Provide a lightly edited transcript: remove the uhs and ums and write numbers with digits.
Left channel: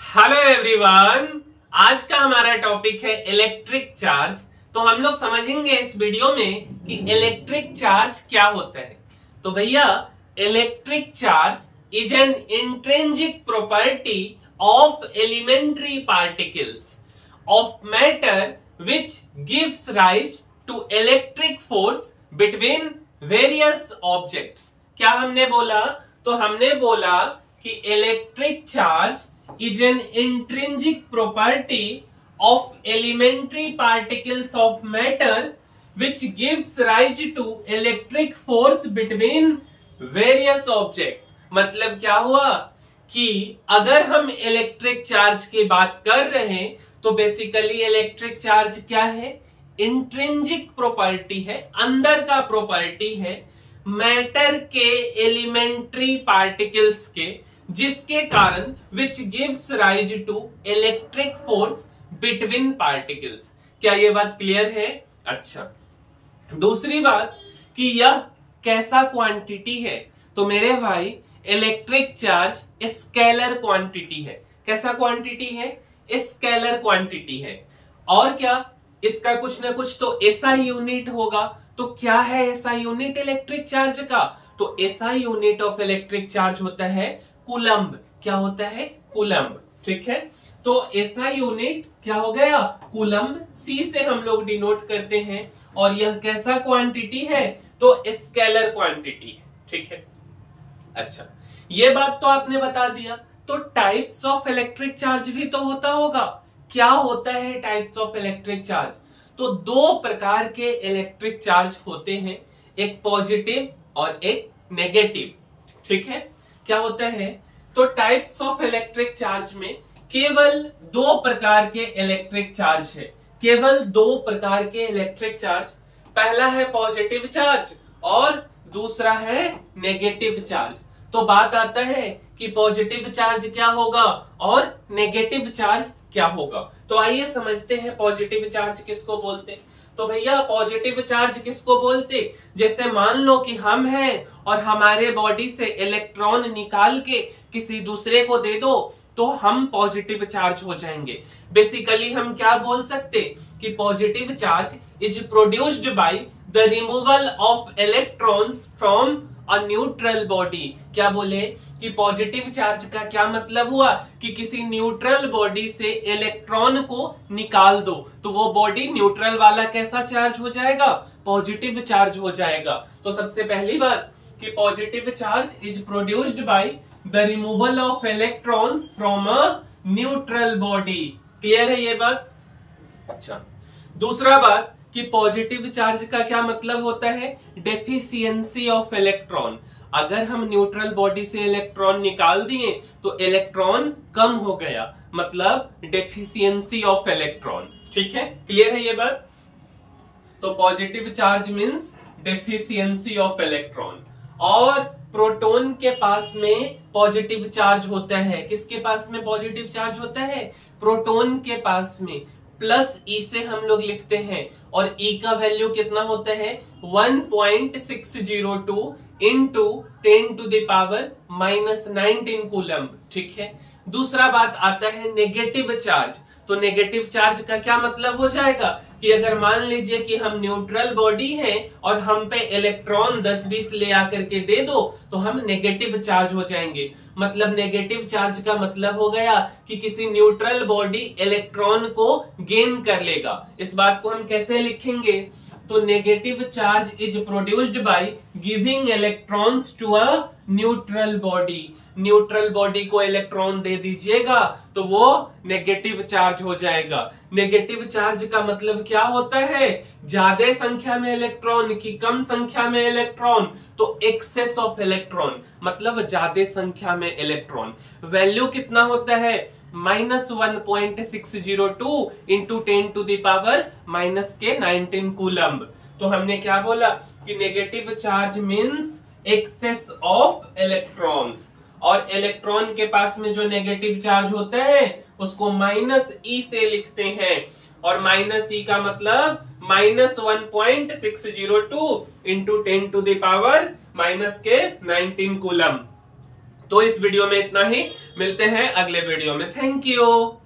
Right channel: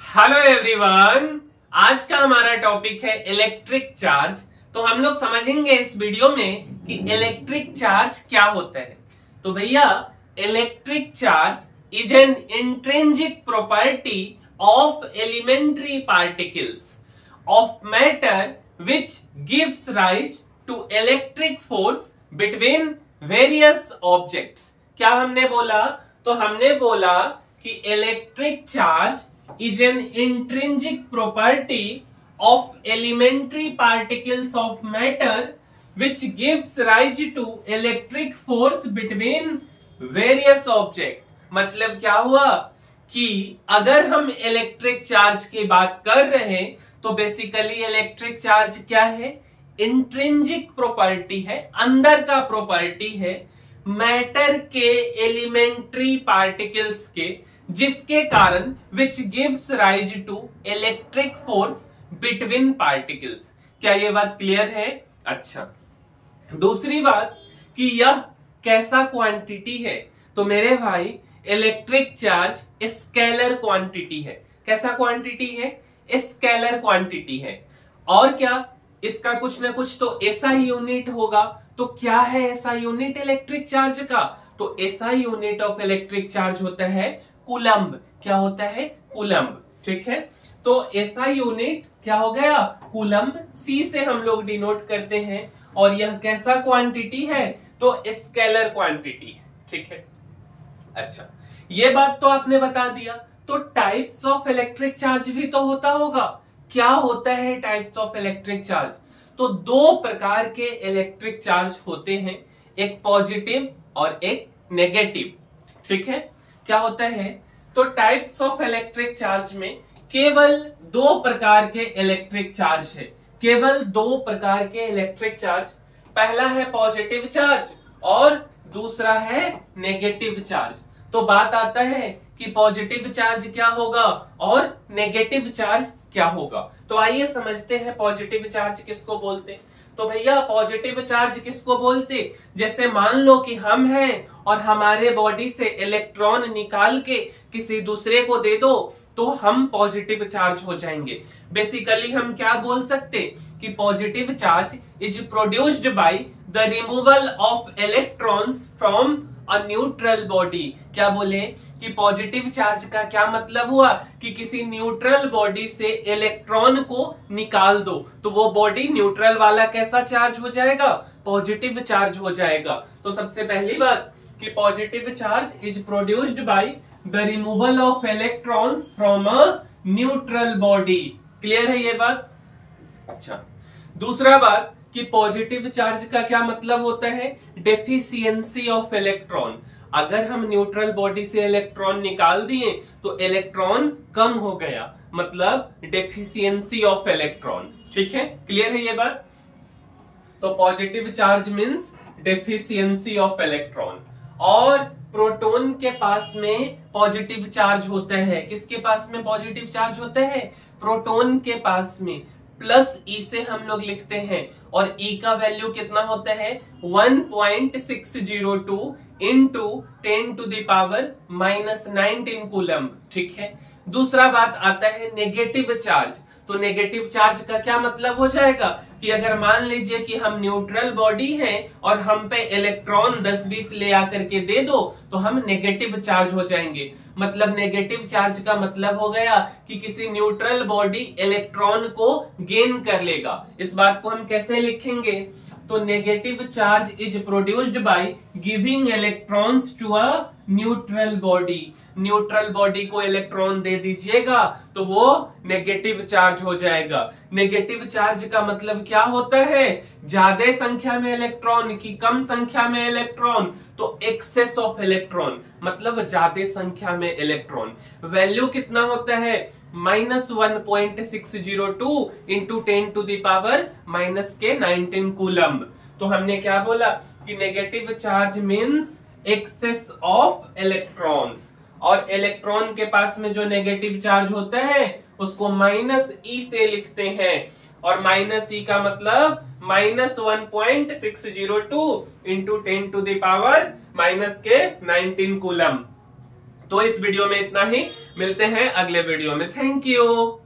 Hello everyone. आज का हमारा टॉपिक है इलेक्ट्रिक चार्ज। तो हम लोग समझेंगे इस वीडियो में कि इलेक्ट्रिक चार्ज क्या होता है। तो भैया, electric charge is an intrinsic property of elementary particles of matter which gives rise to electric force between various objects. क्या हमने बोला? तो हमने बोला कि electric charge is an intrinsic property of elementary particles of matter which gives rise to electric force between various objects। मतलब क्या हुआ कि अगर हम इलेक्ट्रिक चार्ज की बात कर रहे हैं तो बेसिकली इलेक्ट्रिक चार्ज क्या है? इंट्रिंसिक प्रॉपर्टी है, अंदर का प्रॉपर्टी है मैटर के एलिमेंट्री पार्टिकल्स के, जिसके कारण which gives rise to electric force between particles. क्या ये बात क्लियर है? अच्छा, दूसरी बात कि यह कैसा क्वांटिटी है? तो मेरे भाई, इलेक्ट्रिक चार्ज स्केलर क्वांटिटी है। कैसा क्वांटिटी है? स्केलर क्वांटिटी है। और क्या इसका कुछ ना कुछ तो ऐसा यूनिट होगा। तो क्या है ऐसा यूनिट इलेक्ट्रिक चार्ज का? तो ऐसा यूनिट ऑफ इलेक्ट्रिक चार्ज होता है कूलम्ब। क्या होता है? कूलम्ब। ठीक है, तो ऐसा यूनिट क्या हो गया? कूलम्ब। सी से हम लोग डिनोट करते हैं। और यह कैसा क्वांटिटी है? तो स्केलर क्वांटिटी है। ठीक है, अच्छा, ये बात तो आपने बता दिया। तो टाइप्स ऑफ इलेक्ट्रिक चार्ज भी तो होता होगा। क्या होता है टाइप्स ऑफ इलेक्ट्रिक चार्ज? तो दो प्रकार के इलेक्ट्रिक चार्ज होते हैं, एक पॉजिटिव और एक नेगेटिव। ठीक है, क्या होता है? तो टाइप्स ऑफ इलेक्ट्रिक चार्ज में केवल दो प्रकार के इलेक्ट्रिक चार्ज है। केवल दो प्रकार के इलेक्ट्रिक चार्ज। पहला है पॉजिटिव चार्ज और दूसरा है नेगेटिव चार्ज। तो बात आता है कि पॉजिटिव चार्ज क्या होगा और नेगेटिव चार्ज क्या होगा। तो आइए समझते हैं पॉजिटिव चार्ज किसको बोलते हैं। तो भैया, पॉजिटिव चार्ज किसको बोलते? जैसे मान लो कि हम हैं और हमारे बॉडी से इलेक्ट्रॉन निकाल के किसी दूसरे को दे दो तो हम पॉजिटिव चार्ज हो जाएंगे। बेसिकली हम क्या बोल सकते कि positive charge is produced by the removal of electrons from a neutral body. क्या बोले कि पॉजिटिव चार्ज का क्या मतलब हुआ कि किसी न्यूट्रल बॉडी से इलेक्ट्रॉन को निकाल दो तो वो बॉडी न्यूट्रल वाला कैसा चार्ज हो जाएगा? पॉजिटिव चार्ज हो जाएगा। तो सबसे पहली बात कि positive charge is produced by the removal of electrons from a neutral body. Clear है ये बात? अच्छा, दूसरा बात कि पॉजिटिव चार्ज का क्या मतलब होता है? Deficiency of electron. अगर हम न्यूट्रल बॉडी से इलेक्ट्रॉन निकाल दिए तो इलेक्ट्रॉन कम हो गया, मतलब डेफिशिएंसी ऑफ इलेक्ट्रॉन। ठीक है, क्लियर है ये बात? तो positive charge means deficiency of electron. और प्रोटॉन के पास में पॉजिटिव चार्ज होता है। किसके पास में पॉजिटिव चार्ज होता है? प्रोटॉन के पास में। प्लस ई से हम लोग लिखते हैं और ई का वैल्यू कितना होता है? 1.602 इंटू 10⁻⁻19 कूलम्ब। ठीक है, दूसरा बात आता है नेगेटिव चार्ज। तो नेगेटिव चार्ज का क्या मतलब हो जाएगा कि अगर मान लीजिए कि हम न्यूट्रल बॉडी हैं और हम पे इलेक्ट्रॉन 10-20 ले आकर के दे दो तो हम नेगेटिव चार्ज हो जाएंगे। मतलब नेगेटिव चार्ज का मतलब हो गया कि किसी न्यूट्रल बॉडी इलेक्ट्रॉन को गेन कर लेगा। इस बात को हम कैसे लिखेंगे? तो negative charge is produced by giving electrons to a neutral body. Neutral body को इलेक्ट्रॉन दे दीजिएगा तो वो नेगेटिव चार्ज हो जाएगा। नेगेटिव चार्ज का मतलब क्या होता है? ज्यादा संख्या में इलेक्ट्रॉन की कम संख्या में इलेक्ट्रॉन, तो एक्सेस ऑफ इलेक्ट्रॉन मतलब ज्यादा संख्या में इलेक्ट्रॉन। वैल्यू कितना होता है? -1.602 इंटू 10⁻⁻19 कूलम्ब। तो हमने क्या बोला कि negative charge means excess of electrons. और इलेक्ट्रॉन के पास में जो नेगेटिव चार्ज होता है उसको -e से लिखते हैं। और -e का मतलब -1.602 इंटू 10⁻⁻19 कूलम्ब। तो इस वीडियो में इतना ही, मिलते हैं अगले वीडियो में। Thank you.